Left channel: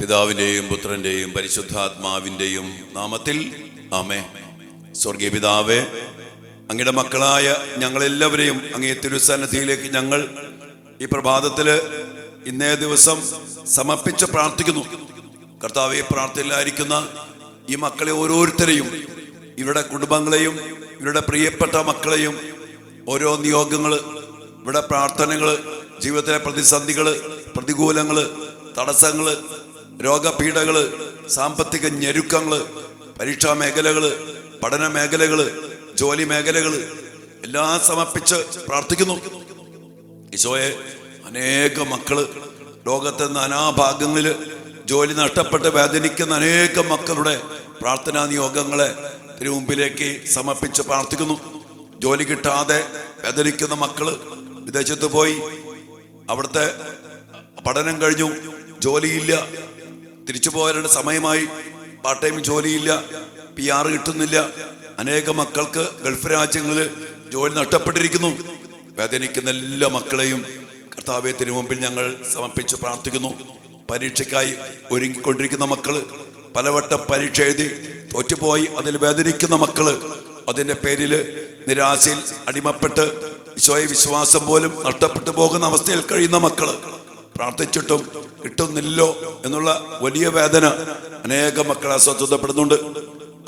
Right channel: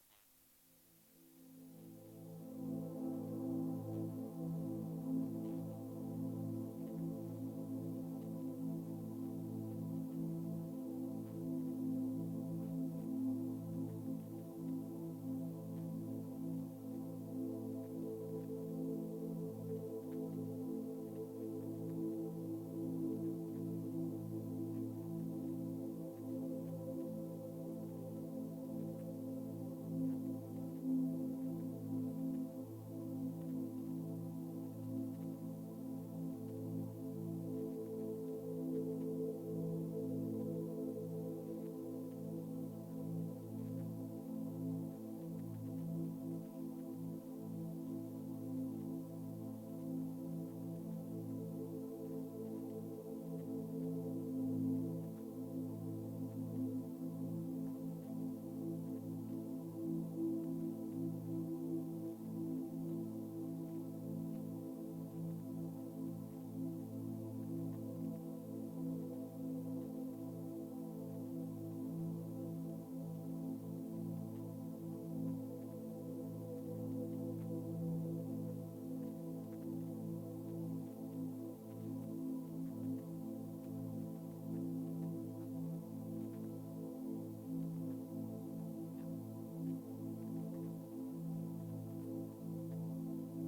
പിതാവിൻ്റെയും പുത്രൻ്റെയും പരിശുദ്ധാത്മാവിൻ്റെയും നാമത്തിൽ ആമേൻ. സ്വർഗീയ പിതാവേ, അങ്ങയുടെ മക്കളായ ഞങ്ങളെല്ലാവരെയും അങ്ങേ തിരുസന്നിധിയിലേക്ക് ഞങ്ങൾ ഈ പ്രഭാതത്തിൽ ഇന്നേ ദിവസം സമർപ്പിച്ച് പ്രാർത്ഥിക്കുന്നു. കർത്താവെ, പ്രാർത്ഥനയിലായിരിക്കുന്ന ഈ മക്കളെ ഓരോരുത്തരെയും, ഇവരുടെ കുടുംബങ്ങളെയും ഇവരുടെ പ്രിയപ്പെട്ട മക്കളെയും, ഓരോ നിയോഗങ്ങൾ, ഇവിടെ പ്രാർത്ഥനകൾ, ജീവിതത്തിലെ പ്രതിസന്ധികൾ, പ്രതികൂലങ്ങൾ, തടസ്സങ്ങൾ, രോഗപീഠകൾ, സാമ്പത്തിക ഞെരുക്കങ്ങൾ, പരീക്ഷാ മേഖലകൾ, പഠന മേഖലകൾ, ജോലി മേഖലകൾ എല്ലാം സമർപ്പിച്ച് പ്രാർത്ഥിക്കുന്നു. ഈശോയെ, അനേക മക്കള് ലോകത്തെ നാനാഭാഗങ്ങളിൽ ജോലി നഷ്ടപ്പെട്ട് വേദനിക്കുന്ന അനേകം മക്കളുടെ പ്രാർത്ഥനാ നിയോഗങ്ങളെ തിരുമുമ്പിലേക്ക് സമർപ്പിച്ച് പ്രാർത്ഥിക്കുന്നു. ജോലി കിട്ടാതെ വേദനിക്കുന്ന മക്കള്, വിദേശത്ത് പോയി അവിടുത്തെ പഠനം കഴിഞ്ഞു, ജോലിയില്ല, തിരിച്ചു പോകാനുള്ള സമയമായി, പാർട്ട് ടൈം ജോലിയില്ല, PR കിട്ടുന്നില്ല, അനേക മക്കൾക്ക് ഗൾഫ് രാജ്യങ്ങളിൽ ജോലി നഷ്ടപ്പെട്ടിരിക്കുന്നു. വേദനിക്കുന്ന എല്ലാ മക്കളെയും കർത്താവേ തിരുമുമ്പിൽ ഞങ്ങൾ സമർപ്പിച്ച് പ്രാർത്ഥിക്കുന്നു. പരീക്ഷയ്ക്കായി ഒരുങ്ങിക്കൊണ്ടിരിക്കുന്ന മക്കള്, പലവട്ടം പരീക്ഷ എഴുതി തോറ്റുപോയി അതിൽ വേദനിക്കുന്ന മക്കള്, അതിൻ്റെ പേരിൽ നിരാശയിൽ അടിമപ്പെട്ട് ഈശോയെ വിശ്വാസം പോലും നഷ്ടപ്പെട്ടു പോകുന്ന അവസ്ഥയിൽ കഴിയുന്ന മക്കള്, പ്രാർത്ഥിച്ചിട്ടും കിട്ടുന്നില്ലോ എന്നുള്ള വലിയ വേദന അനേക മക്കളെ അസ്വസ്ഥപ്പെടുന്നുണ്ട്.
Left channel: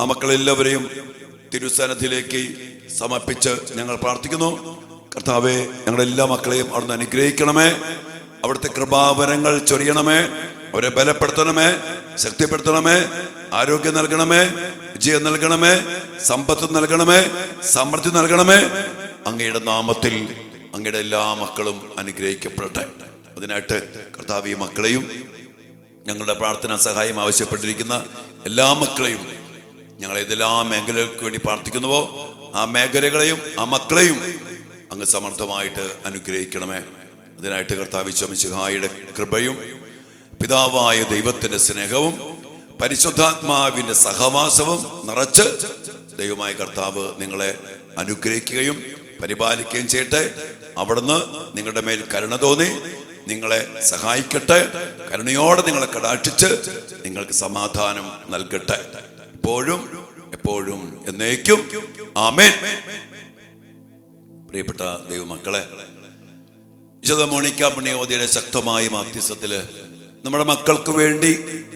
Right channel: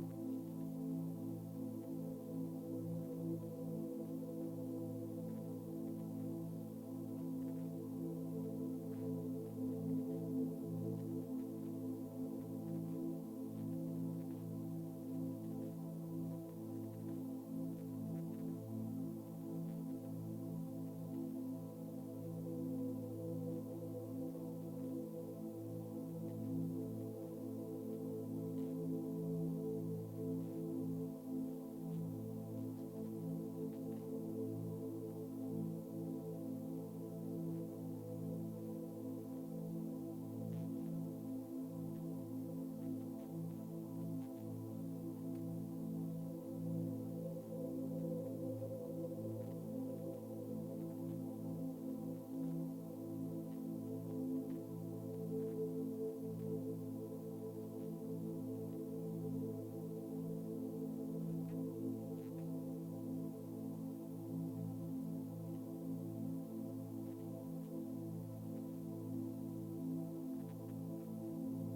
ആ മക്കളെല്ലാവരെയും തിരുസന്നിധിയിലേക്ക് സമർപ്പിച്ച് ഞങ്ങൾ പ്രാർത്ഥിക്കുന്നു. കർത്താവെ, ഞങ്ങളുടെ എല്ലാ മക്കളെയും അവിടുന്ന് അനുഗ്രഹിക്കണമേ, അവിടുത്തെ കൃപാവരങ്ങൾ ചൊരിയണമേ, അവരെ ബലപ്പെടുത്തണമേ, ശക്തിപ്പെടുത്തണമേ, ആരോഗ്യം നൽകണമേ, വിജയം നൽകണമേ, സമ്പത്ത് നൽകണമേ, സമൃദ്ധി നൽകണമേ. അങ്ങയുടെ നാമത്തിൽ അങ്ങയുടെ എല്ലാ മക്കളും അനുഗ്രഹിക്കപ്പെടട്ടെ. അതിനായിട്ട് കർത്താവ് ഈ മക്കളെയും ഞങ്ങളുടെ പ്രാർത്ഥനാ സഹായം ആവശ്യപ്പെട്ടിരിക്കുന്ന എല്ലാ മക്കളെയും, ഞങ്ങൾ ഏതെല്ലാം മേഖലകൾക്ക് വേണ്ടി പ്രാർത്ഥിക്കുന്നുവോ ആ മേഖലകളെയും ആ മക്കളെയും അങ്ങ് സമർത്ഥമായിട്ട് അനുഗ്രഹിക്കണമേ. അതിനായിട്ട് കർത്താവ് മിശിഹായുടെ കൃപയും പിതാവായ ദൈവത്തിന്റെ സ്നേഹവും പരിശുദ്ധാത്മാവിന്റെ സഹവാസവും നിറച്ച് ദൈവമായ കർത്താവ് നിങ്ങളെ അനുഗ്രഹിക്കുകയും പരിപാലിക്കുകയും ചെയ്യട്ടെ. അവിടുന്ന് നിങ്ങളുടെ മേൽ കരുണ തോന്നി നിങ്ങളെ സഹായിക്കട്ടെ. കരുണയോടെ നിങ്ങളെ കടാക്ഷിച്ച് നിങ്ങൾക്ക് സമാധാനം നൽകട്ടെ, ഇപ്പോഴും എപ്പോഴും എന്നേക്കും. ആമേൻ. പ്രിയപ്പെട്ട ദൈവമക്കളെ, വിശുദ്ധ മോണിക്ക പുണ്യവതിയുടെ ശക്തമായ മാധ്യസ്ഥത്തില് നമ്മുടെ മക്കൾക്ക് വേണ്ടി,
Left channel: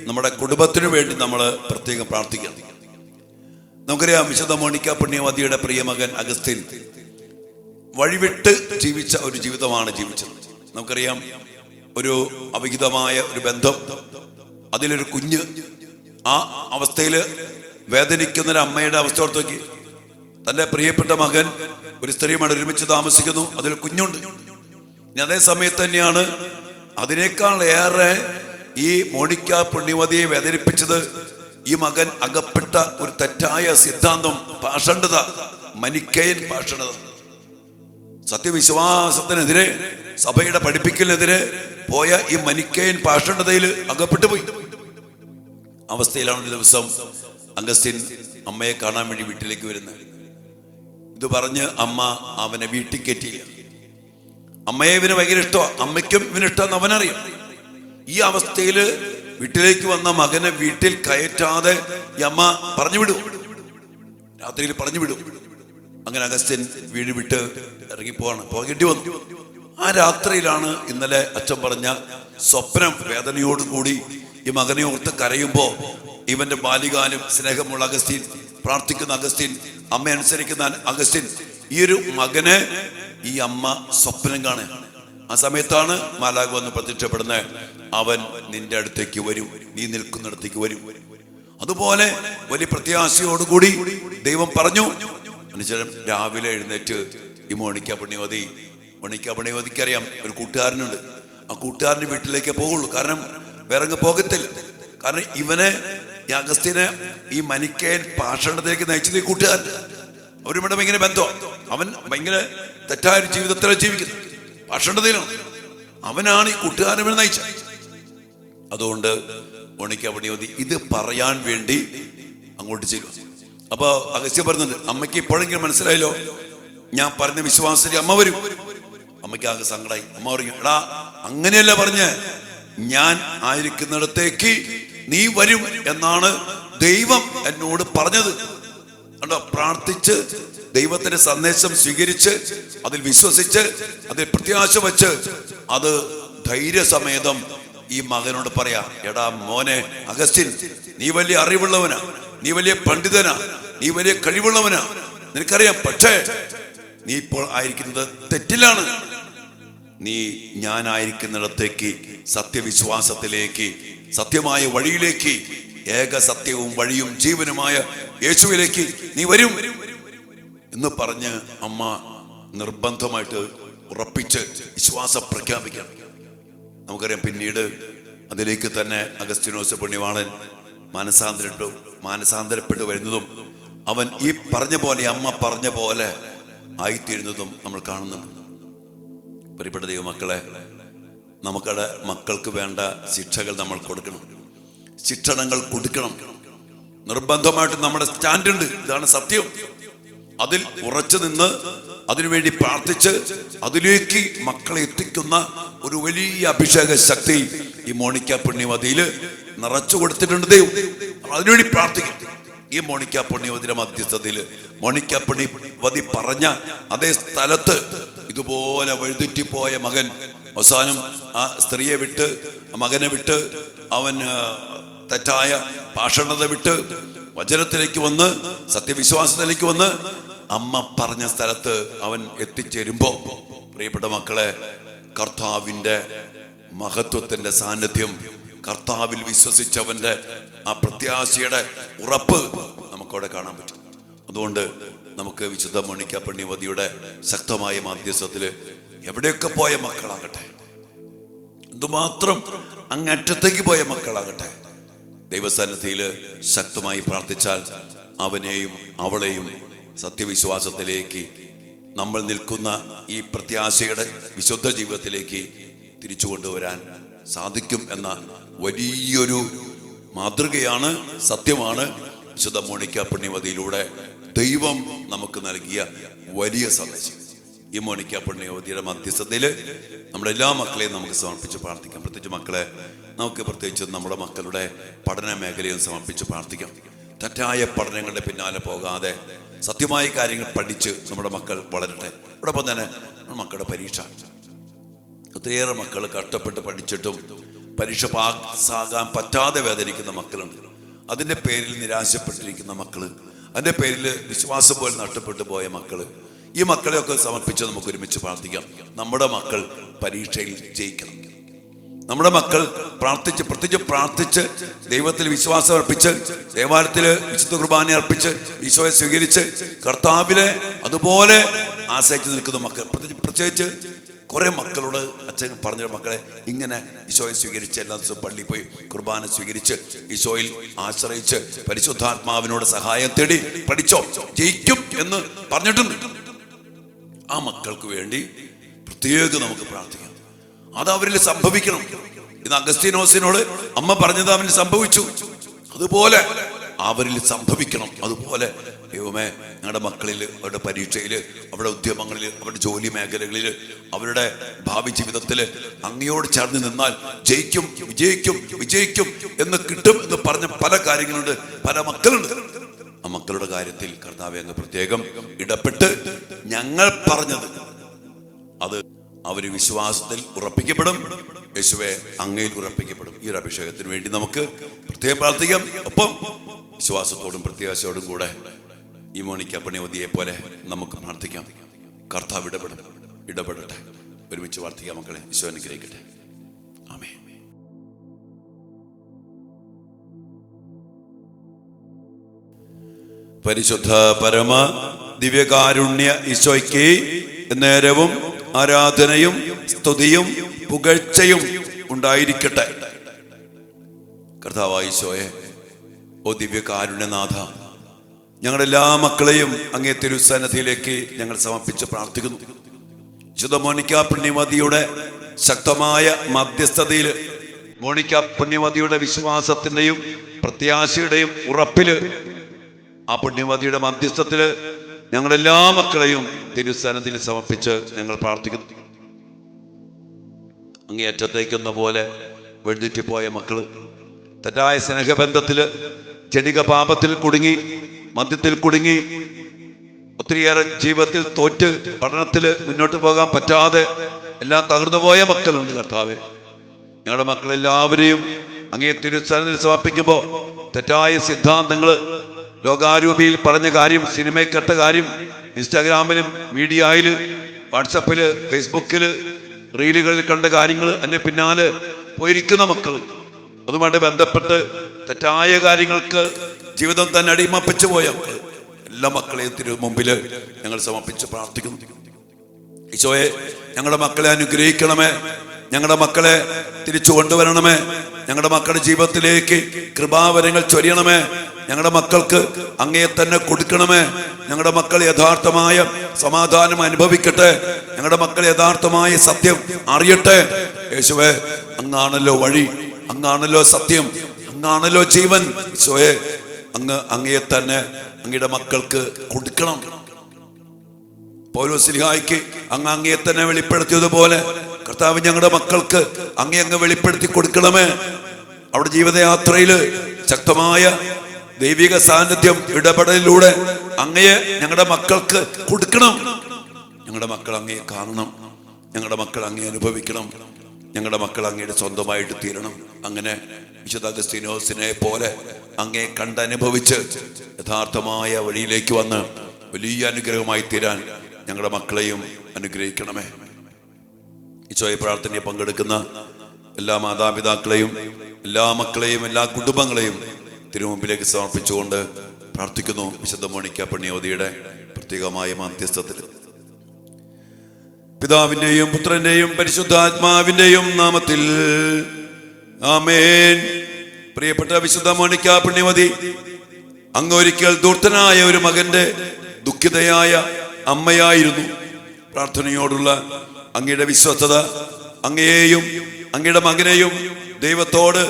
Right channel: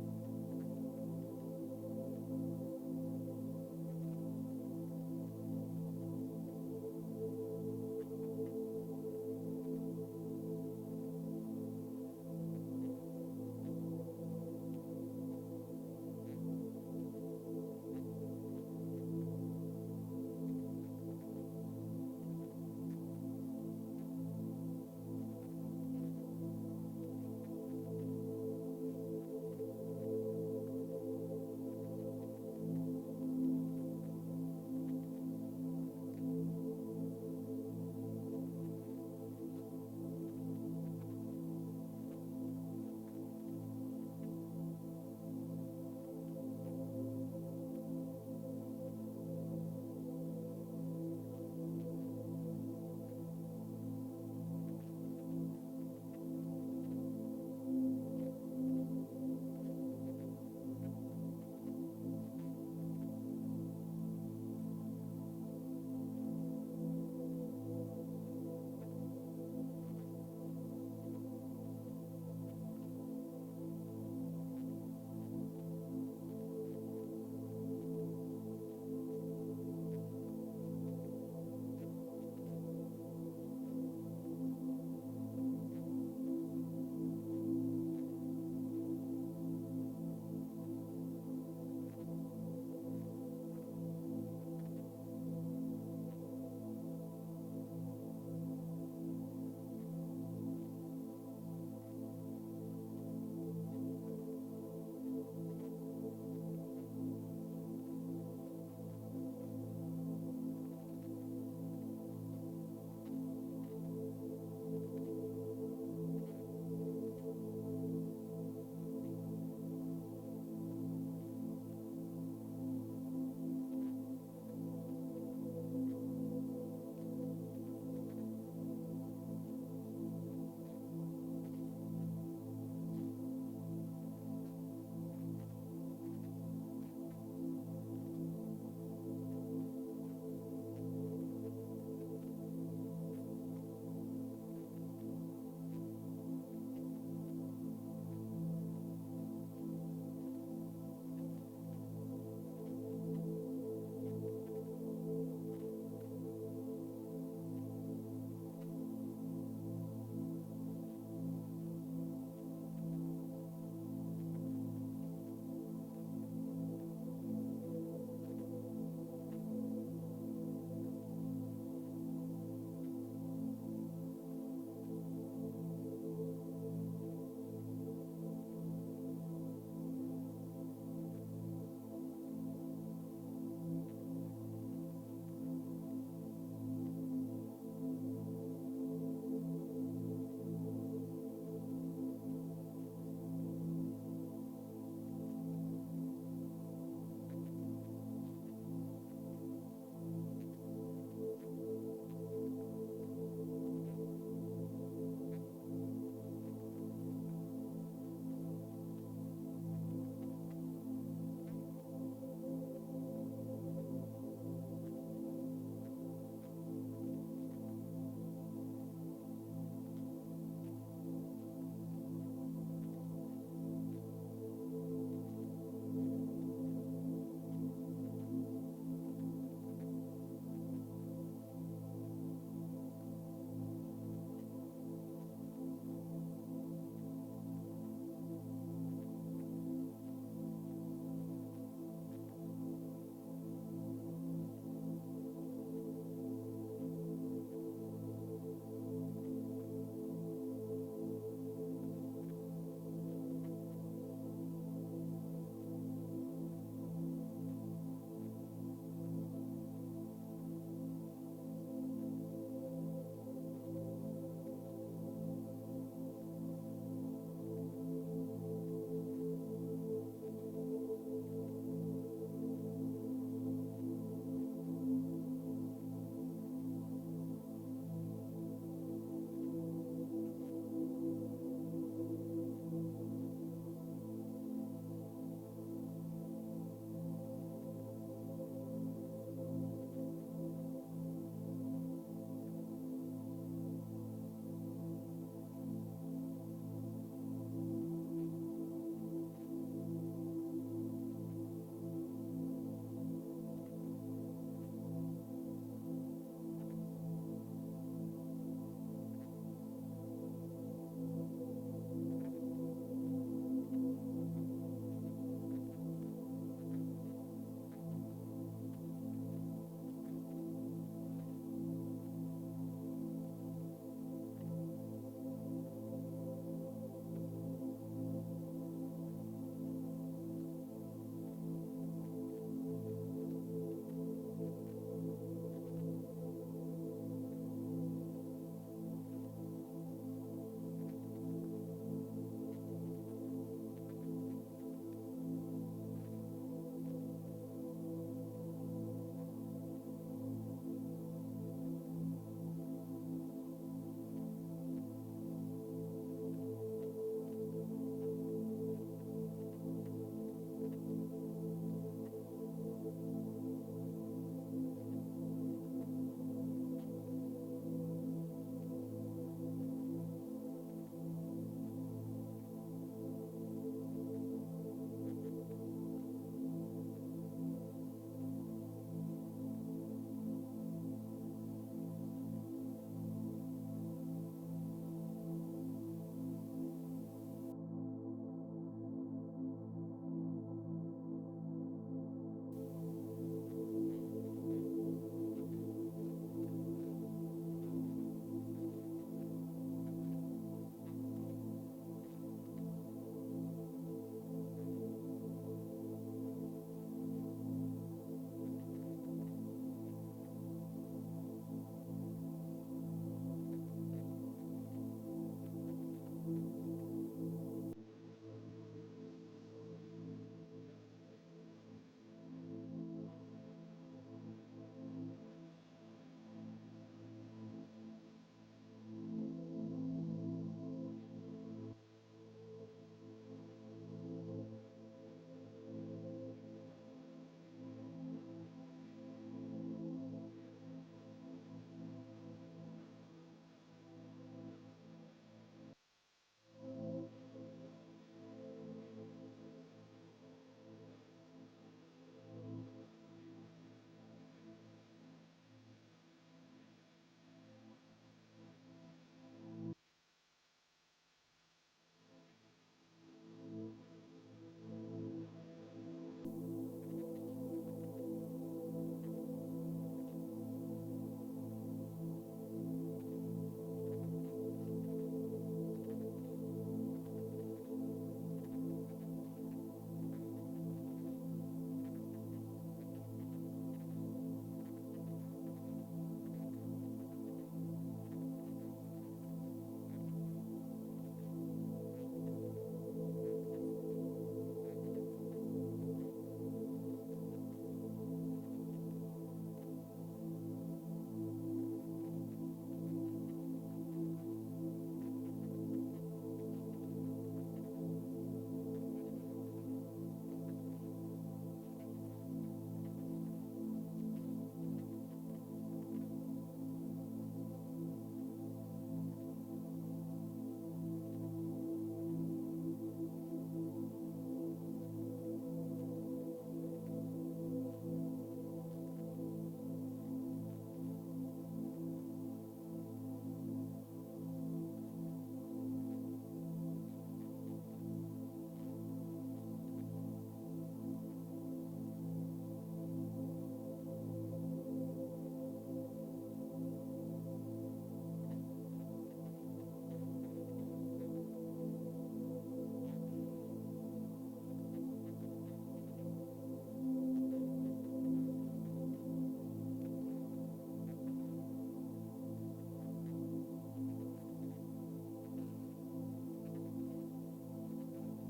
നമ്മുടെ കുടുംബത്തിനു വേണ്ടി നമ്മൾ പ്രത്യേകം പ്രാർത്ഥിക്കണം. നമുക്കറിയാം, വിശുദ്ധ മോണിക്ക പുണ്യവതിയുടെ പ്രിയമകൻ അഗസ്റ്റിൻ വഴിവിട്ട് ജീവിച്ച ഒരു ജീവിതമാണ് ജീവിച്ചത്. നമുക്കറിയാം, ഒരു അവിഹിതമായ ഒരു ബന്ധം, അതിലൊരു കുഞ്ഞ്, ആ അവസ്ഥയിൽ വേദനിക്കുന്ന ഒരു അമ്മയുടെ അവസ്ഥ ഓർത്ത് നോക്കി. തൻ്റെ പ്രിയപ്പെട്ട മകൻ ഒരു സ്ത്രീയുമായി ഒരുമിച്ച് താമസിക്കുന്നു, അതിൽ കുഞ്ഞുണ്ട്. ഇനി അതേ സമയത്ത് തന്നെയാണ് അതിനേക്കാൾ ഏറെ ഈ മോണിക്ക പുണ്യവതിയെ വേദനിപ്പിച്ചത് ഈ മകൻ അകപ്പെട്ട ഒരു തെറ്റായ സിദ്ധാന്തം, പാഷണ്ഡത, മനിക്കയൻ പാഷണ്ഡത. സത്യവിശ്വാസത്തിനെതിരെ, സഭയുടെ പഠിപ്പിക്കലിനെതിരെ പോയ ഈ മനിക്കയൻ പാഷണ്ഡതയിൽ അകപ്പെട്ടു പോയി. അവസ്ഥയിലാണ് ഒരു ദിവസം അഗസ്റ്റിൻ അമ്മയെ കാണാൻ വേണ്ടി വീട്ടിലേക്ക് വരുന്നത്. ഇത് പറഞ്ഞ് അമ്മ അവനെ വീട്ടിൽ കയറ്റിയില്ല. അമ്മയെ ഇവന് ഭയങ്കര ഇഷ്ടമാണ്, അമ്മയ്ക്കും ഇവന് ഇഷ്ടമെന്ന് അവനറിയാം. ഈ അവസ്ഥയിൽ വീട്ടിലേക്ക് വന്ന മകനെ വീട്ടിൽ കയറ്റാതെ ഈ അമ്മ പറഞ്ഞു വിടും, രാത്രിയിൽ പറഞ്ഞു വിടും. അങ്ങനെ അഗസ്റ്റിൻ വീട് വിട്ട് പോകേണ്ടി വന്നു. ആ രാത്രിയിലാണ് ഇന്നലെ അച്ഛൻ പറഞ്ഞ സ്വപ്നം. വേദനയോടുകൂടി ഈ മകനെ ഓർത്ത് കരയുമ്പോ ഇവന്റെ ബാല്യകാലം സ്നേഹമുള്ള അഗസ്റ്റിൻ, പ്രാർത്ഥിക്കുന്ന അഗസ്റ്റിൻ, അമ്മ അനുസരിക്കുന്ന അഗസ്റ്റിൻ, ഈ ഒരു മകനെ ഈ അമ്മ സ്വപ്നം കാണുക. ആ സമയത്താണ് മാലാഖ വന്ന് പ്രത്യക്ഷപ്പെടുന്നത്. അവൻ നിന്റെ അടുത്തേക്ക് വരും, നീ നിൽക്കുന്നിടത്തേക്ക് വരും. അതുപോലെ വലിയ പ്രത്യാശയോടുകൂടി ദൈവം പറഞ്ഞു. അനുസരം രാവിലെ എഴുന്നേറ്റ് ഈ മോണിക്ക പുണ്യവതിക്ക് അറിയാം, ഒരു കൂട്ടുകാരനുണ്ട്. ആ കൂട്ടുകാരൻ്റെ വീട്ടിലേക്കേ പോകുള്ളൂ, കാരണം വേറെ പോകത്തില്ല. കാരണം ഇവനെ, ഈ അഗസ്റ്റിനെ, ഈ മനിക്കയൻ പാഷണ്ഡത്തിലേക്ക് നയിച്ചത് ഈ കൂട്ടുകാരൻ. അവരുമായിട്ട് ഭയങ്കര ബന്ധമാണ്. അവൻ ഭയങ്കര തെറ്റായ ജീവിതത്തിലാണ് ജീവിക്കുന്നത്, പാഷണ്ഡതയിലാണ്. അവനാണ് ഈ കൂട്ടുകാരനെ നയിച്ചത്. അതുകൊണ്ട് മോണിക്ക പുണ്യവതി ഇത് പറയാൻ വേണ്ടി അങ്ങോട്ട് ചെയ്യുക. അപ്പൊ അഗസ്ത്യ പറഞ്ഞത്, അമ്മയ്ക്ക് ഇപ്പോഴെങ്കിലും മനസ്സിലായല്ലോ ഞാൻ പറഞ്ഞ വിശ്വാസത്തിൽ അമ്മ വരും. അമ്മയ്ക്ക് ആകെ സങ്കടമായി. അമ്മ പറയും, എടാ അങ്ങനെയല്ല പറഞ്ഞേ, ഞാൻ ആയിരിക്കുന്നിടത്തേക്ക് നീ വരും എന്നാണ് ദൈവം എന്നോട് പറഞ്ഞത്. കണ്ടോ, പ്രാർത്ഥിച്ച് ദൈവത്തിന്റെ സന്ദേശം സ്വീകരിച്ച് അതിൽ വിശ്വസിച്ച് അതിൽ പ്രത്യാശ വെച്ച് അത് ധൈര്യസമേതം ഈ മകനോട് പറയാ, എടാ മോനെ അഗസ്റ്റിൻ, നീ വലിയ അറിവുള്ളവനാ, നീ വലിയ പണ്ഡിതനാ, നീ വലിയ കഴിവുള്ളവനാ, നിനക്കറിയാം. പക്ഷേ നീ ഇപ്പോൾ ആയിരിക്കുന്നത് തെറ്റിലാണ്. നീ ഞാനായിരിക്കുന്നിടത്തേക്ക് സത്യവിശ്വാസത്തിലേക്ക്, സത്യമായ വഴിയിലേക്ക്, ഏക സത്യവും വഴിയും ജീവനുമായ യേശുവിലേക്ക് നീ വരും എന്ന് പറഞ്ഞ് അമ്മ നിർബന്ധമായിട്ട് ഉറപ്പിച്ച് വിശ്വാസം പ്രഖ്യാപിക്കണം. നമുക്കറിയാം, പിന്നീട് അതിലേക്ക് തന്നെ അഗസ്തീനോസ് പുണ്യവാളൻ മാനസാന്തരപ്പെട്ടു വരുന്നതും അവൻ ഈ പറഞ്ഞ പോലെ, അമ്മ പറഞ്ഞ പോലെ ആയിത്തീരുന്നതും നമ്മൾ കാണുന്നുണ്ട്. പ്രിയപ്പെട്ട ദൈവമക്കളെ, നമുക്കടെ മക്കൾക്ക് വേണ്ട ശിക്ഷകൾ നമ്മൾ കൊടുക്കണം, ശിക്ഷണങ്ങൾ കൊടുക്കണം. നിർബന്ധമായിട്ട് നമ്മുടെ സ്റ്റാൻഡുണ്ട്, ഇതാണ് സത്യം. അതിൽ ഉറച്ചു നിന്ന് അതിനുവേണ്ടി പ്രാർത്ഥിച്ച് അതിലേക്ക് മക്കളെ എത്തിക്കുന്ന ഒരു വലിയ അഭിഷേക ശക്തി ഈ മോണിക്ക പുണ്യവതിയിൽ നിറച്ചു കൊടുത്തിട്ടുണ്ട് ദൈവം. അതിനുവേണ്ടി പ്രാർത്ഥിക്കും. ഈ മോണിക്ക പുണ്യവതിയുടെ മധ്യസ്ഥതയിൽ മോണിക്ക പുണ്യവതി പറഞ്ഞ അതേ സ്ഥലത്ത് ഇതുപോലെ വഴുതെറ്റിപ്പോയ മകൻ അവസാനം ആ സ്ത്രീയെ വിട്ട്, മകനെ വിട്ട്, അവൻ തെറ്റായ ഭാഷണത വിട്ട് വചനത്തിലേക്ക് വന്ന് സത്യവിശ്വാസത്തിലേക്ക് വന്ന് അമ്മ പറഞ്ഞ സ്ഥലത്ത് അവൻ എത്തിച്ചേരുമ്പോ, പ്രിയപ്പെട്ട മക്കളെ, കർത്താവിന്റെ മഹത്വത്തിന്റെ സാന്നിധ്യം, കർത്താവിൽ വിശ്വസിച്ചവന്റെ ആ പ്രത്യാശയുടെ ഉറപ്പ് നമുക്കവിടെ കാണാൻ പറ്റും. അതുകൊണ്ട് നമുക്ക് വിശുദ്ധ മോണിക്ക പുണ്യവതിയുടെ ശക്തമായ മാധ്യസ്ഥത്തില് എവിടെയൊക്കെ പോയ മക്കളാകട്ടെ, എന്തുമാത്രം അങ്ങറ്റത്തേക്ക് പോയ മക്കളാകട്ടെ, ദൈവസന്നിധിയിൽ ശക്തമായി പ്രാർത്ഥിച്ചാൽ അവനെയും അവളെയും സത്യവിശ്വാസത്തിലേക്ക്, നമ്മൾ നിൽക്കുന്ന ഈ പ്രത്യാശയുടെ വിശുദ്ധ ജീവിതത്തിലേക്ക് തിരിച്ചു കൊണ്ടുവരാൻ സാധിക്കും എന്ന വലിയൊരു മാതൃകയാണ്, സത്യമാണ് വിശുദ്ധ മോണിക്ക പുണ്യവതിയിലൂടെ ദൈവം നമുക്ക് നൽകിയ വലിയ സന്ദേശം. ഈ മോണിക്ക പുണ്യവതിയുടെ മധ്യസ്ഥതയിൽ നമ്മുടെ എല്ലാ മക്കളെയും നമുക്ക് സമർപ്പിച്ച് പ്രാർത്ഥിക്കാം. പ്രത്യേകിച്ച് മക്കളെ നമുക്ക് പ്രത്യേകിച്ച് നമ്മുടെ മക്കളുടെ പഠന മേഖലയും സമർപ്പിച്ച് പ്രാർത്ഥിക്കാം. തെറ്റായ പഠനങ്ങളുടെ പിന്നാലെ പോകാതെ സത്യമായ കാര്യങ്ങൾ പഠിച്ച് നമ്മുടെ മക്കൾ വളരട്ടെ. അതോടൊപ്പം തന്നെ മക്കളുടെ പരീക്ഷ, ഒത്തിരിയേറെ മക്കൾ കഷ്ടപ്പെട്ട് പഠിച്ചിട്ടും പരീക്ഷ പാസ്സാകാൻ പറ്റാതെ വേദനിക്കുന്ന മക്കളുണ്ട്. അതിൻ്റെ പേരിൽ നിരാശപ്പെട്ടിരിക്കുന്ന മക്കള്, അതിൻ്റെ പേരിൽ വിശ്വാസം പോലെ നഷ്ടപ്പെട്ടു പോയ മക്കള്, ഈ മക്കളെയൊക്കെ സമർപ്പിച്ച് നമുക്ക് ഒരുമിച്ച് പ്രാർത്ഥിക്കാം. നമ്മുടെ മക്കൾ പരീക്ഷയിൽ ജയിക്കണം. നമ്മുടെ മക്കൾ പ്രത്യേകിച്ച് പ്രാർത്ഥിച്ച് ദൈവത്തിൽ വിശ്വാസം അർപ്പിച്ച് ദേവാലയത്തില് വിശുദ്ധ കുർബാന അർപ്പിച്ച് ഈശോയെ സ്വീകരിച്ച് കർത്താവിലെ അതുപോലെ ആശ്രയിച്ച് നിൽക്കുന്ന മക്കൾ, പ്രത്യേകിച്ച് കുറെ മക്കളോട് അച്ഛൻ പറഞ്ഞ മക്കളെ ഇങ്ങനെ ഈശോയെ സ്വീകരിച്ച് എല്ലാ ദിവസവും പള്ളിയിൽ പോയി കുർബാന സ്വീകരിച്ച് ഈശോയിൽ ആശ്രയിച്ച് പരിശുദ്ധാത്മാവിനോട് സഹായം തേടി പഠിച്ചോ, ജയിക്കും എന്ന് പറഞ്ഞിട്ടുണ്ട്. ആ മക്കൾക്ക് വേണ്ടി പ്രത്യേകം നമുക്ക് പ്രാർത്ഥിക്കാം. അത് അവരിൽ സംഭവിക്കണം. ഇന്ന് അഗസ്തീനോസിനോട് അമ്മ പറഞ്ഞത് അവന് സംഭവിച്ചു, അതുപോലെ അവരിൽ സംഭവിക്കണം. അതുപോലെ ദൈവമേ, ഞങ്ങളുടെ മക്കളിൽ, അവരുടെ പരീക്ഷയിൽ, അവരുടെ ഉദ്യമങ്ങളിൽ, അവരുടെ ജോലി മേഖലകളിൽ, അവരുടെ ഭാവി ജീവിതത്തിൽ അങ്ങയോട് ചേർന്ന് നിന്നാൽ ജയിക്കും, വിജയിക്കും, വിജയിക്കും എന്ന് കിട്ടും എന്ന് പറഞ്ഞ പല കാര്യങ്ങളുണ്ട്, പല മക്കളുണ്ട്. ആ മക്കളുടെ കാര്യത്തിൽ കർത്താവേ അങ്ങ് പ്രത്യേകം ഇടപെട്ട് ഞങ്ങൾ പറഞ്ഞത് അത് അവര് വിശ്വാസത്തിൽ ഉറപ്പിക്കപ്പെടും, യേശുവേ അങ്ങയിൽ ഉറപ്പിക്കപ്പെടും. ഈ ഒരു അഭിഷേകത്തിന് വേണ്ടി നമുക്ക് പ്രത്യേകം പ്രാർത്ഥിക്കാം. ഒപ്പം വിശ്വാസത്തോടും പ്രത്യാശയോടും കൂടെ ഈ മോണിക്ക പുണ്യവതിയെ പോലെ നമുക്ക് പ്രാർത്ഥിക്കാം. കർത്താവ് ഇടപെടട്ടെ. ഒരുമിച്ച് പ്രാർത്ഥിക്കാം മക്കളെ. ഈശോ അനുഗ്രഹിക്കട്ടെ. ആമേൻ. പരിശുദ്ധ പരമ ദിവ്യകാരുണ്യ ഈശോയ്ക്ക് നേരവും ആരാധനയും സ്തുതിയും പുകഴ്ചയും ഉണ്ടായിരിക്കട്ടെ. കർത്താവായ ഈശോയെ, ഓ ദിവ്യകാരുണ്യനാഥ, ഞങ്ങളെല്ലാ മക്കളെയും അങ്ങേ തിരുസന്നിധിയിലേക്ക് ഞങ്ങൾ സമർപ്പിച്ച് പ്രാർത്ഥിക്കുന്നു. വിശുദ്ധ മോണിക്ക പുണ്യവതിയുടെ ശക്തമായ മധ്യസ്ഥതയിൽ, മോണിക്ക പുണ്യവതിയുടെ വിശ്വാസത്തിന്റെയും പ്രത്യാശയുടെയും ഉറപ്പില്, ആ പുണ്യവതിയുടെ മധ്യസ്ഥത്തില് ഞങ്ങളെല്ലാ മക്കളെയും തിരുസന്നിധിയിൽ സമർപ്പിച്ച് ഞങ്ങൾ പ്രാർത്ഥിക്കുന്നു. അങ്ങേയറ്റത്തേക്കുന്ന പോലെ വഴിതെറ്റിപ്പോയ മക്കള്, തെറ്റായ സ്നേഹബന്ധത്തില്, ജനിക പാപത്തിൽ കുടുങ്ങി, മദ്യത്തിൽ കുടുങ്ങി, ഒത്തിരിയേറെ ജീവിതത്തിൽ തോറ്റ് പഠനത്തിൽ മുന്നോട്ട് പോകാൻ പറ്റാതെ എല്ലാം തകർന്നു പോയ മക്കളുണ്ട്. കർത്താവേ, ഞങ്ങളുടെ മക്കളെല്ലാവരെയും അങ്ങേ തിരുസന്നിധിയിൽ സമർപ്പിക്കുമ്പോൾ തെറ്റായ സിദ്ധാന്തങ്ങൾ, ലോകാരൂപിയിൽ പറഞ്ഞ കാര്യം, സിനിമയിൽ കേട്ട കാര്യം, ഇൻസ്റ്റാഗ്രാമിലും മീഡിയയിൽ, വാട്സപ്പില്, ഫേസ്ബുക്കില്, റീലുകളിൽ കണ്ട കാര്യങ്ങൾ അതിൻ്റെ പിന്നാലെ പോയിരിക്കുന്ന മക്കൾ, അതുമായിട്ട് ബന്ധപ്പെട്ട് തെറ്റായ കാര്യങ്ങൾക്ക് ജീവിതം തന്നെ അടിമപ്പിച്ചു പോയ മക്കൾ, എല്ലാ മക്കളെയും മുമ്പിൽ ഞങ്ങൾ സമർപ്പിച്ച് പ്രാർത്ഥിക്കുന്നു. ഈശോയെ, ഞങ്ങളുടെ മക്കളെ അനുഗ്രഹിക്കണമേ, ഞങ്ങളുടെ മക്കളെ തിരിച്ചു കൊണ്ടുവരണമേ, ഞങ്ങളുടെ മക്കളുടെ ജീവിതത്തിലേക്ക് കൃപാവരങ്ങൾ ചൊരിയണമേ, ഞങ്ങളുടെ മക്കൾക്ക് അങ്ങയെ തന്നെ കൊടുക്കണമേ, ഞങ്ങളുടെ മക്കൾ യഥാർത്ഥമായ സമാധാനം അനുഭവിക്കട്ടെ, ഞങ്ങളുടെ മക്കൾ യഥാർത്ഥമായ സത്യം അറിയട്ടെ. യേശുവേ, അങ്ങാണല്ലോ വഴി, അങ്ങാണല്ലോ സത്യം, അങ്ങാണല്ലോ ജീവൻ. ഈശോയെ, അങ്ങയെ തന്നെ അങ്ങയുടെ മക്കൾക്ക് കൊടുക്കണം. പൗലോസ്ലീഹായ്ക്ക് അങ്ങയെ തന്നെ വെളിപ്പെടുത്തിയതുപോലെ കർത്താവ് ഞങ്ങളുടെ മക്കൾക്ക് അങ്ങ് വെളിപ്പെടുത്തി കൊടുക്കണമേ. അവിടെ ജീവിതയാത്രയിൽ ശക്തമായ ദൈവിക സാന്നിധ്യം ഇടപെടലിലൂടെ അങ്ങയെ ഞങ്ങളുടെ മക്കൾക്ക് കൊടുക്കണം. ഞങ്ങളുടെ മക്കൾ അങ്ങയെ കാണണം, ഞങ്ങളുടെ മക്കൾ അങ്ങയെ അനുഭവിക്കണം, ഞങ്ങളുടെ മക്കൾ അങ്ങയുടെ സ്വന്തമായിട്ട് തീരണം. അങ്ങനെ വിശുദ്ധ അഗസ്തീനോസിനെ പോലെ അങ്ങയെ കണ്ടനുഭവിച്ച് യഥാർത്ഥമായ വഴിയിലേക്ക് വന്ന് വലിയ അനുഗ്രഹമായി തീരാൻ ഞങ്ങളുടെ മക്കളെയും അനുഗ്രഹിക്കണമേ. ഈശോയെ, പ്രാർത്ഥനയെ പങ്കെടുക്കുന്ന എല്ലാ മാതാപിതാക്കളെയും, എല്ലാ മക്കളെയും, എല്ലാ കുടുംബങ്ങളെയും തിരുമുമ്പിലേക്ക് സമർപ്പിച്ചുകൊണ്ട് പ്രാർത്ഥിക്കുന്നു. വിശുദ്ധ മോണിക്ക പുണ്യവതിയുടെ പ്രത്യേകമായ മധ്യസ്ഥത്തിൽ പിതാവിന്റെയും പുത്രന്റെയും പരിശുദ്ധാത്മാവിന്റെയും നാമത്തിൽ ആമേൻ. പ്രിയപ്പെട്ട വിശുദ്ധ മോണിക്ക പുണ്യവതി, അങ്ങ് ഒരിക്കൽ ദൂർത്തനായ ഒരു മകന്റെ ദുഃഖിതയായ അമ്മയായിരുന്നു. പ്രാർത്ഥനയോടുള്ള അങ്ങയുടെ വിശ്വസ്തത അങ്ങയെയും അങ്ങയുടെ മകനെയും ദൈവത്തോട്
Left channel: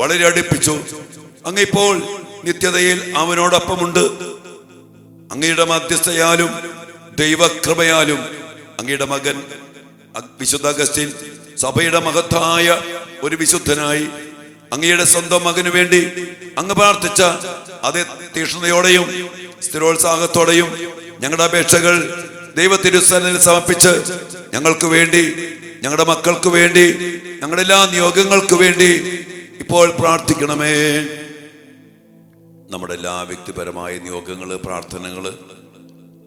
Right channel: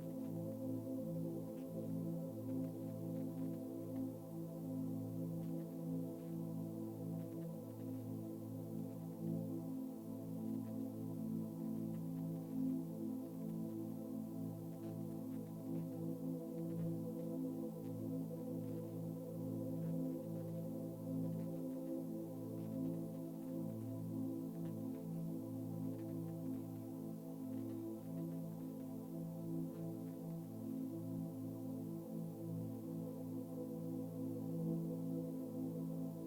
വളരെ അടുപ്പിച്ചു. അങ്ങ് ഇപ്പോൾ നിത്യതയിൽ അവനോടൊപ്പമുണ്ട്. അങ്ങയുടെ മധ്യസ്ഥയാലും ദൈവകൃപയാലും അങ്ങയുടെ മകൻ വിശുദ്ധ അഗസ്റ്റിൻ സഭയുടെ മഹത്തായ ഒരു വിശുദ്ധനായി അങ്ങയുടെ സ്വന്തം മകനു വേണ്ടി അങ്ങ് പ്രാർത്ഥിച്ച അതേ തീക്ഷ്ണതയോടെയും സ്ഥിരോത്സാഹത്തോടെയും ഞങ്ങളുടെ അപേക്ഷകൾ ദൈവത്തിരുസന്നിധിയിൽ സമർപ്പിച്ച് ഞങ്ങൾക്ക് വേണ്ടി, ഞങ്ങളുടെ മക്കൾക്ക് വേണ്ടി, ഞങ്ങളുടെ എല്ലാ നിയോഗങ്ങൾക്ക് വേണ്ടി ഇപ്പോൾ പ്രാർത്ഥിക്കണമേ. നമ്മുടെ എല്ലാ വ്യക്തിപരമായ നിയോഗങ്ങള്, പ്രാർത്ഥനകള്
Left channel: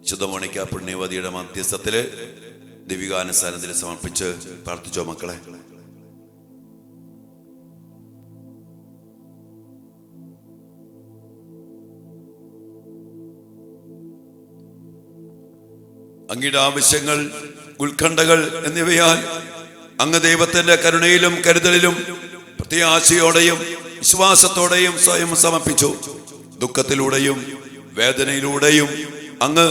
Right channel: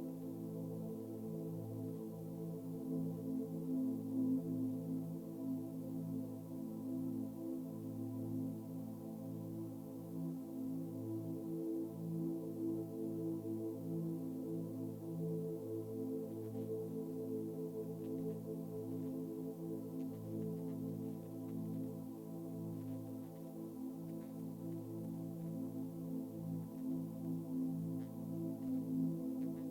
വിശുദ്ധ മോണിക്ക പുണ്യവതിയുടെ മധ്യസ്ഥത്തില് ദൈവികാനുസാരത്തിൽ സമർപ്പിച്ച് പ്രാർത്ഥിച്ചോ മക്കളെ. അങ്ങയുടെ ആവശ്യങ്ങൾ, ഉത്കണ്ഠകൾ എന്നിവയാൽ അങ്ങ് ദൈവത്തിന്റെ കരുണയിലും കരുതലിലും പ്രത്യാശയോടെയും വിശ്വാസത്തോടെയും സ്വയം സമർപ്പിച്ചു. ദുഃഖത്തിലൂടെയും വേദനയിലൂടെയും അങ്ങ്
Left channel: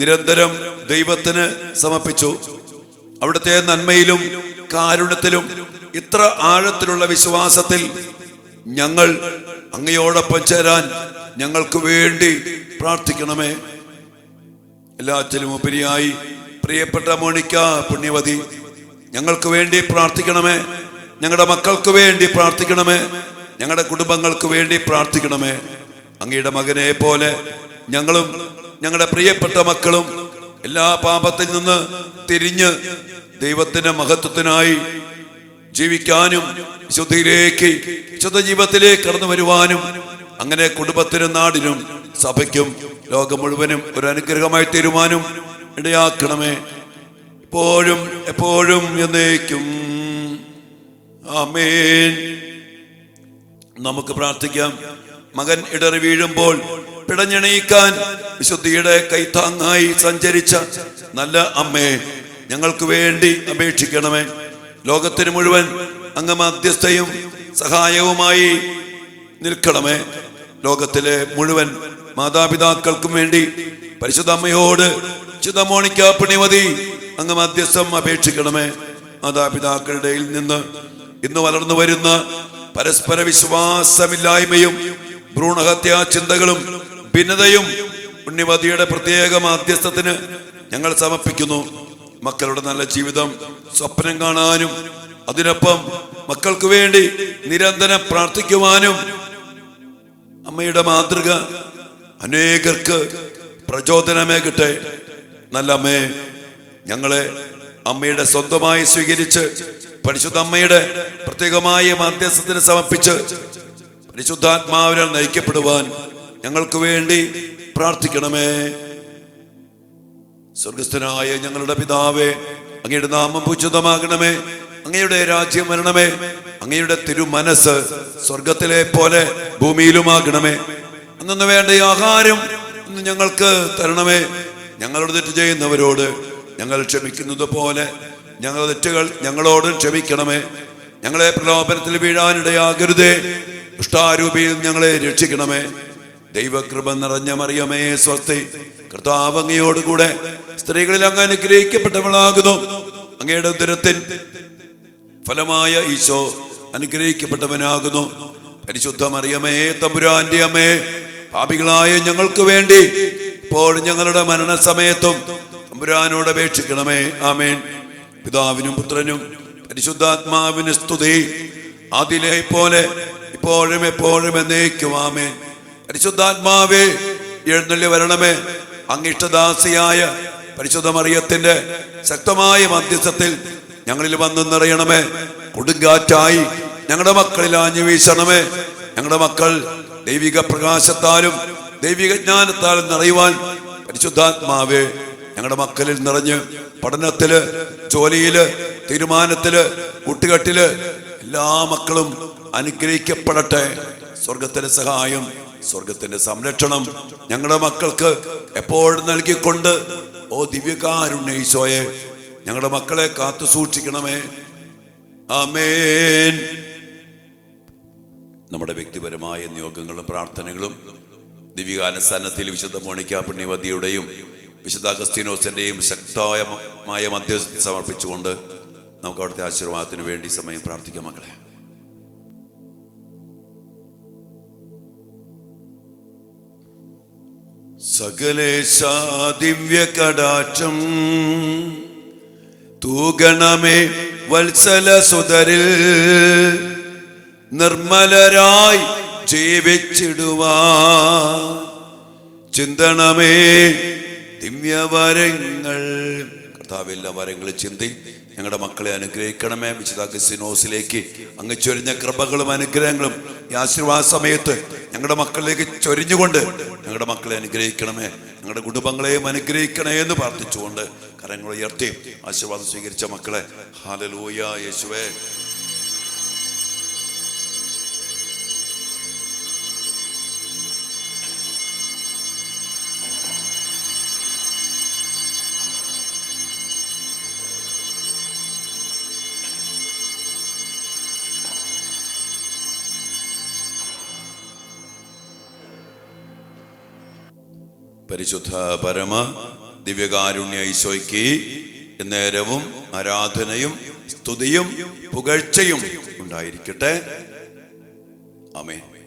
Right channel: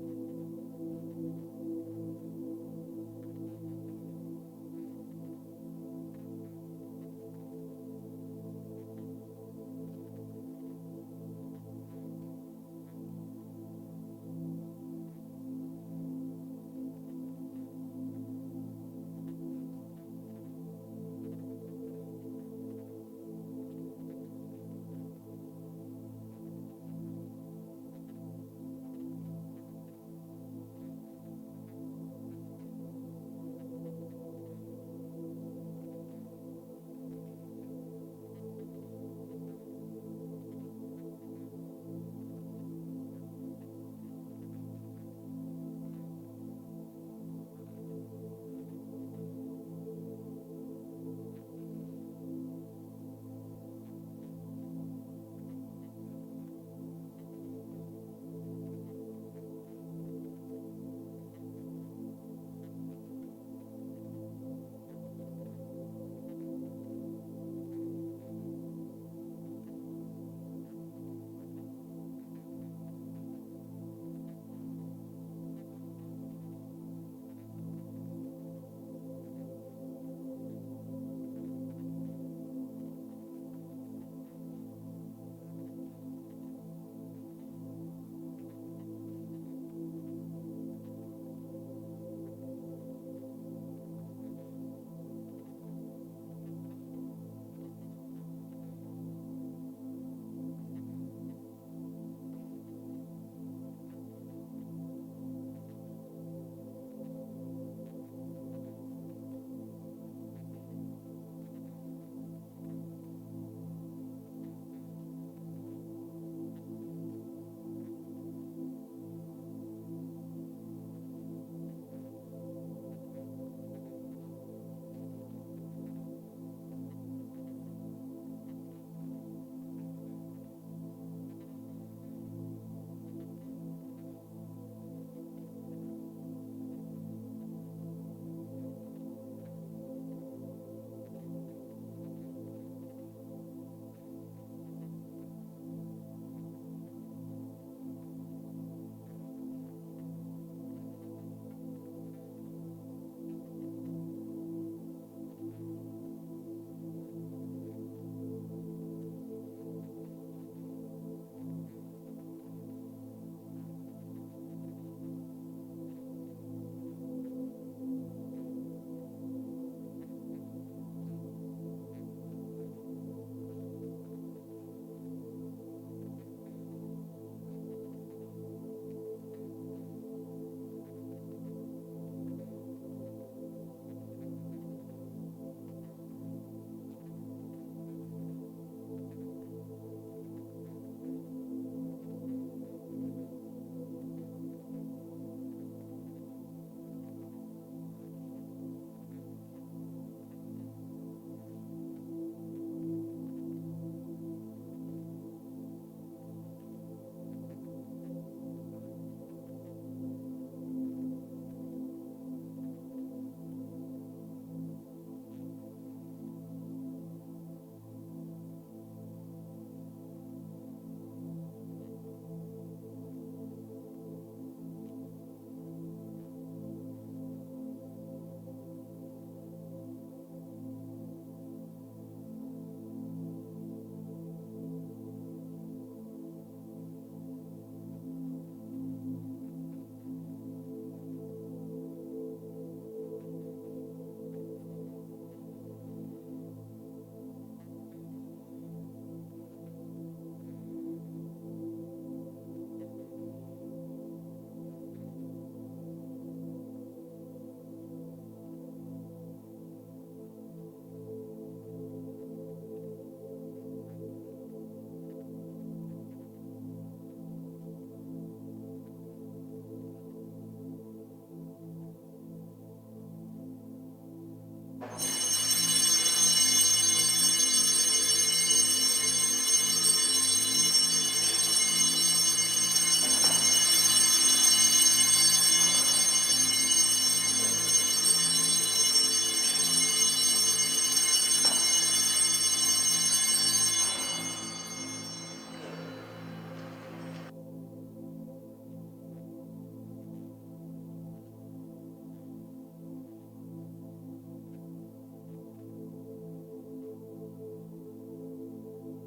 നിരന്തരം ദൈവത്തിന് സമർപ്പിച്ചു. അവിടുത്തെ നന്മയിലും കാരുണ്യത്തിലും ഇത്ര ആഴത്തിലുള്ള വിശ്വാസത്തിൽ ഞങ്ങൾ അങ്ങയോടൊപ്പം ചേരാൻ ഞങ്ങൾക്ക് വേണ്ടി പ്രാർത്ഥിക്കണമേ. എല്ലാറ്റിലും ഉപരിയായി പ്രിയപ്പെട്ട മോണിക്ക പുണ്യവതി, ഞങ്ങൾക്ക് വേണ്ടി പ്രാർത്ഥിക്കണമേ. ഞങ്ങളുടെ മക്കൾക്ക് വേണ്ടി പ്രാർത്ഥിക്കണമേ. ഞങ്ങളുടെ കുടുംബങ്ങൾക്ക് വേണ്ടി പ്രാർത്ഥിക്കണമേ. അങ്ങയുടെ മകനെ പോലെ ഞങ്ങളും ഞങ്ങളുടെ പ്രിയപ്പെട്ട മക്കളും എല്ലാ പാപത്തിൽ നിന്ന് തിരിഞ്ഞ് ദൈവത്തിന്റെ മഹത്വത്തിനായി ജീവിക്കാനും വിശുദ്ധിയിലേക്ക്, വിശുദ്ധ ജീവിതത്തിലേക്ക് കടന്നു വരുവാനും അങ്ങനെ കുടുംബത്തിനും നാടിനും സഭയ്ക്കും ലോകം മുഴുവനും ഒരു അനുഗ്രഹമായി തീരുമാനം ഇടയാക്കണമേ. എപ്പോഴും എപ്പോഴും എന്നേക്കും ആമേൻ. നമുക്ക് പ്രാർത്ഥിക്കാം. മകൻ ഇടറി വീഴുമ്പോൾ പിടഞ്ഞെണീക്കാൻ വിശുദ്ധിയുടെ കൈത്താങ്ങായി സഞ്ചരിച്ച നല്ല അമ്മേ, ഞങ്ങൾക്ക് വേണ്ടി അപേക്ഷിക്കണമേ. ലോകത്തിന് മുഴുവൻ അങ്ങ് മധ്യസ്ഥയും സഹായവുമായി നിൽക്കണമേ. ലോകത്തിലെ മുഴുവൻ മാതാപിതാക്കൾക്കും വേണ്ടി പരിശുദ്ധ അമ്മയോട് വിശുദ്ധ മോണിക്ക പുണ്യവതി അങ്ങ് മധ്യസ്ഥം അപേക്ഷിക്കണമേ. മാതാപിതാക്കളുടെ നിന്ന് ഇന്ന് വളർന്നു വരുന്ന പരസ്പര വിശ്വാസമില്ലായ്മയും ഭ്രൂണഹത്യാ ചിന്തകളും ഭിന്നതയും പുണ്യവതിയുടെ പ്രത്യേക മാധ്യസ്ഥത്തിന് ഞങ്ങൾ സമർപ്പിക്കുന്നു. മക്കളുടെ നല്ല ജീവിതം സ്വപ്നം കാണാനും അതിനൊപ്പം മക്കൾക്ക് വേണ്ടി നിരന്തരം പ്രാർത്ഥിക്കുവാനും അമ്മയുടെ മാതൃക അനേകർക്ക് പ്രചോദനമേകട്ടെ. നല്ല അമ്മേ, ഞങ്ങളെ അമ്മയുടെ സ്വന്തമായി സ്വീകരിച്ച് പരിശുദ്ധ അമ്മയുടെ പ്രത്യേകമായ മധ്യസ്ഥത്തിന് സമർപ്പിച്ച് പരിശുദ്ധാത്മാവിനാൽ നയിക്കപ്പെടുവാൻ ഞങ്ങൾക്ക് വേണ്ടി പ്രാർത്ഥിക്കണമേ. സ്വർഗസ്ഥനായ ഞങ്ങളുടെ പിതാവേ, അങ്ങയുടെ നാമം പൂജിതമാകണമേ. അങ്ങയുടെ രാജ്യം വരണമേ. അങ്ങയുടെ തിരുമനസ് സ്വർഗത്തിലെ പോലെ ഭൂമിയിലുമാകണമേ. അന്നു വേണ്ട ആഹാരം ഇന്ന് ഞങ്ങൾക്ക് തരണമേ. ഞങ്ങളോട് തെറ്റ് ചെയ്യുന്നവരോട് ഞങ്ങൾ ക്ഷമിക്കുന്നത് പോലെ ഞങ്ങളുടെ തെറ്റുകൾ ഞങ്ങളോട് ക്ഷമിക്കണമേ. ഞങ്ങളെ പ്രലോഭനത്തിൽ വീഴാനിടയാകരുതേ. ദുഷ്ടാരൂപിയിൽ ഞങ്ങളെ രക്ഷിക്കണമേ. ദൈവകൃപ നിറഞ്ഞ മറിയമേ സ്വസ്തി, കർത്താവ് അങ്ങയോടുകൂടെ സ്ത്രീകളിൽ അങ്ങ് അനുഗ്രഹിക്കപ്പെട്ടവളാകുന്നു. അങ്ങയുടെ ഉദരത്തിൻ ഫലമായ ഈശോ അനുഗ്രഹിക്കപ്പെട്ടവനാകുന്നു. പരിശുദ്ധ മറിയമേ തമ്പുരാന്റെ അമ്മേ, പാപികളായ ഞങ്ങൾക്ക് വേണ്ടി ഇപ്പോൾ ഞങ്ങളുടെ മരണസമയത്തും തമ്പുരാനോട് അപേക്ഷിക്കണമേ. ആമേൻ. പിതാവിനും പുത്രനും പരിശുദ്ധാത്മാവിന് സ്തുതി, ആദിയിലെ പോലെ ഇപ്പോഴും എപ്പോഴും എന്നേക്കും. ആമേൻ. പരിശുദ്ധാത്മാവേ എഴുന്നള്ളി വരണമേ. അങ്ങിഷ്ടദാസിയായ പരിശുദ്ധ മറിയത്തിന്റെ ശക്തമായ മധ്യസ്ഥത്തിൽ ഞങ്ങളിൽ വന്നു നിറയണമേ. കൊടുങ്കാറ്റായി ഞങ്ങളുടെ മക്കളിൽ ആഞ്ഞു വീശണമേ. ഞങ്ങളുടെ മക്കൾ ദൈവിക പ്രകാശത്താലും ദൈവിക ജ്ഞാനത്താലും നിറയുവാൻ പരിശുദ്ധാത്മാവേ ഞങ്ങളുടെ മക്കളിൽ നിറഞ്ഞ് പഠനത്തില്, ജോലിയില്, തീരുമാനത്തില്, കൂട്ടുകെട്ടില് എല്ലാ മക്കളും അനുഗ്രഹിക്കപ്പെടട്ടെ. സ്വർഗത്തിന്റെ സഹായം, സ്വർഗത്തിന്റെ സംരക്ഷണം ഞങ്ങളുടെ മക്കൾക്ക് എപ്പോഴും നൽകിക്കൊണ്ട് ഓ ദിവ്യകാരുണ്യ ഈശോയെ ഞങ്ങളുടെ മക്കളെ കാത്തു സൂക്ഷിക്കണമേ. ആമേൻ. നമ്മുടെ വ്യക്തിപരമായ നിയോഗങ്ങളും പ്രാർത്ഥനകളും ദിവ്യകാലസ്ഥാനത്തിൽ വിശുദ്ധ മോണിക്ക പുണ്യവതിയുടെയും വിശുദ്ധ അഗസ്തീനോസിന്റെയും ശക്തമായ മധ്യസ്ഥ സമർപ്പിച്ചുകൊണ്ട് നമുക്ക് അവിടുത്തെ ആശീർവാദത്തിന് വേണ്ടി സമയം പ്രാർത്ഥിക്കാം. മക്കളെ, സകലേശ ദിവ്യ കടാക്ഷം തൂഗണമേ വത്സല സുതരിൽ നിർമ്മലരായി ജീവിച്ചിടുവാൻ ചിന്തണമേ ദിവ്യവരങ്ങൾ. കർത്താവ് എല്ലാ വരങ്ങളും ചിന്തി ഞങ്ങളുടെ മക്കളെ അനുഗ്രഹിക്കണമേ. വിശുദ്ധ അഗസ്തീനോസിലേക്ക് അങ്ങ് ചൊരിഞ്ഞ കൃപകളും അനുഗ്രഹങ്ങളും ഈ ആശീർവാദ സമയത്ത് ഞങ്ങളുടെ മക്കളിലേക്ക് ചൊരിഞ്ഞുകൊണ്ട് ഞങ്ങളുടെ മക്കളെ അനുഗ്രഹിക്കണമേ. ഞങ്ങളുടെ കുടുംബങ്ങളെയും അനുഗ്രഹിക്കണേ എന്ന് പ്രാർത്ഥിച്ചുകൊണ്ട് കരങ്ങൾ ഉയർത്തി ആശീർവാദം സ്വീകരിച്ച മക്കളെ ഹല്ലേലൂയ യേശുവേ. പരിശുദ്ധ പരമ ദിവ്യകാരുണ്യ ഈശോയ്ക്ക് നേരവും ആരാധനയും സ്തുതിയും പുകഴ്ചയും ഉണ്ടായിരിക്കട്ടെ. ആമേൻ.